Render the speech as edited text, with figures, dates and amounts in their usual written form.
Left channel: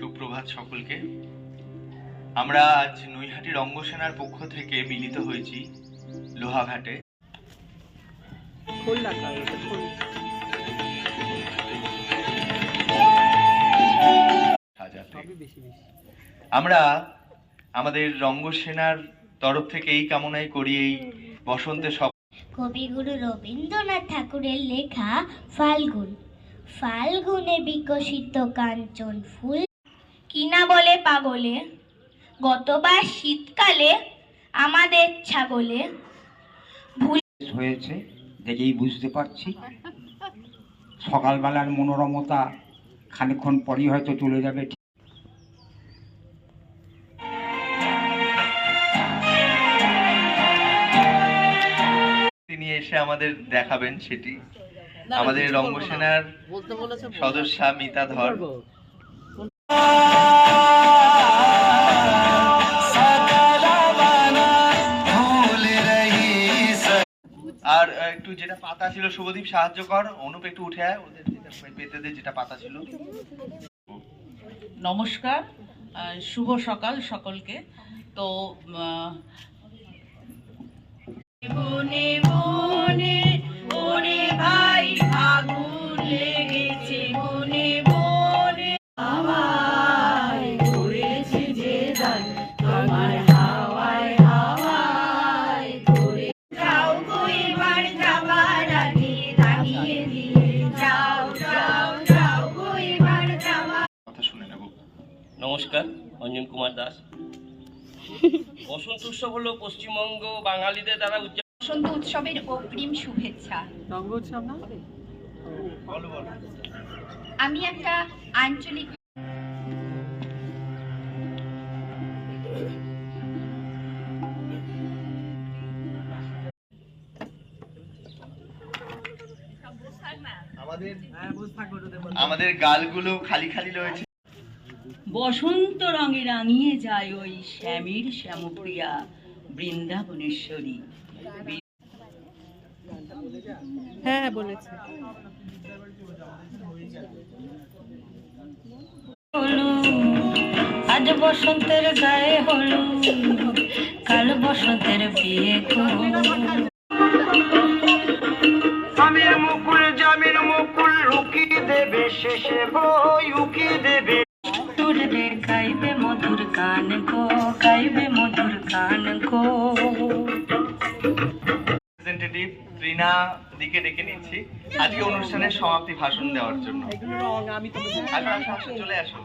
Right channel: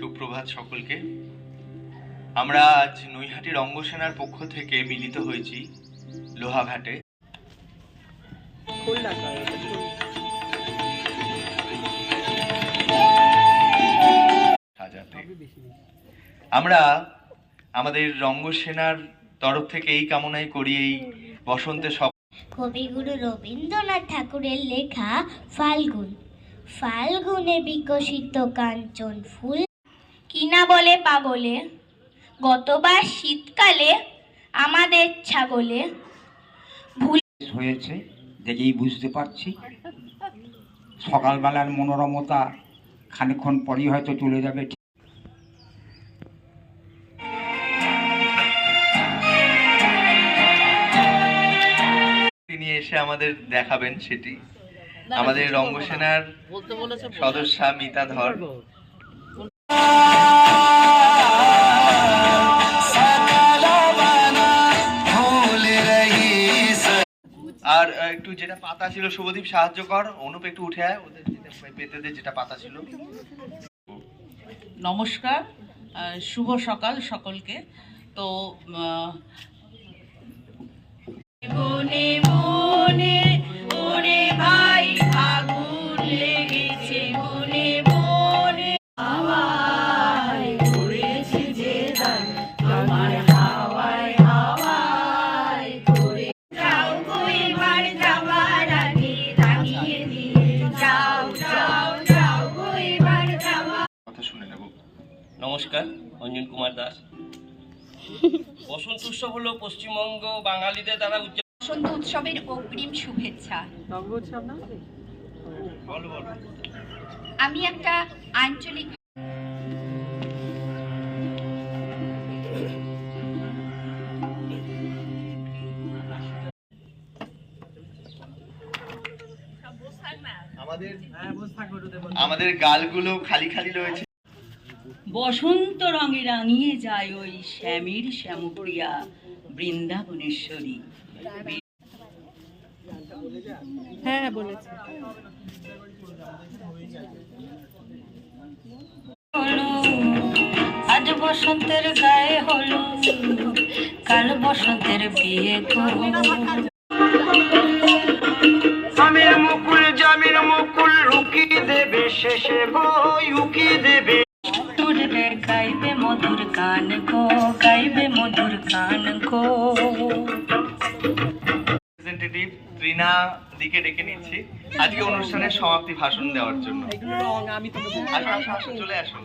সুপ্রভাত সকলকে। আমরা আজ নৈহাটি রঙ্গসেনার পক্ষ থেকে মিলিত হয়েছি লোহাঘাটে। আমরা আমাদের রঙ্গসেনার তরফ থেকে এই কামনাই করি, এই বসন্তে সব কবিগুরু রবীন্দ্রনাথ ঠাকুরের লেখা ফাল্গুন। ফাল্গুনে বিকশিত কাঞ্চন ফুল কিনা বলে পাগলে, গতবার শীতকালে আমাদের ছাগলে ভুল হয়েছে দেখেই বুঝতে পারছি। সকালবেলার মনোরমতা খানিকক্ষণ পরই হয়তো চলে যাবে। তিনি এসে আমাদের দেখাবেন সেটি আমাদের রঙ্গসেনার সদস্যা মিতা ধর। আর একটু যেটা পাতা ছিল শুভদীপ সাহায্য কর, অনুপ একটু উঠে আয়, ওদের পেতে দে যেটা পাতা ছিল। নমস্কার, শুভ সকাল সকলকে। তো বনে বনে ওরে ভাই আগুন লেগেছে, বনে বনে হাওয়ায় ঘুরেছে যে দান, আমার হাওয়ায় হাওয়ায় ঘুরে যাও গো এবার যাবার আগে দাঁড়িয়ে দিয়ে যাও যাও যাও গো এবার যাওয়া। কথা শুনে নেব। নমস্কার, অঞ্জন কুমার দাস। বসন্ত উৎসব হলো পশ্চিমবঙ্গ বাঙালিদের দ্বারা বসন্ত উৎসবের অগ্রিম শুভেচ্ছা। আমি একটা আঞ্চলিক আমাদের গালগুলো খালি খালি রয়েছে। বসন্ত রঙে রাঙিয়ে যায় ওই শ্যামীর শ্যামপ্রিয়া বৃন্দাবনেশ্বরী। হ্যাঁ বলেছি। আজ বসন্তের গায়ে হলো, কাল বসন্তের বিয়ে করো। জামির মুকুল রুকি দেবে শেষে বই উকি দেবে। গাইবে মধুর গান গো, গাইবে মধুর গান গো। রিপ্রেজেন্টেটিভ ত্রিনা দিকে ডেকে নিচ্ছি আজকে অনুষ্ঠানের সমাপ্তি ভাষণ দেওয়ার জন্য। আসো আসো আসো, চলে আসো।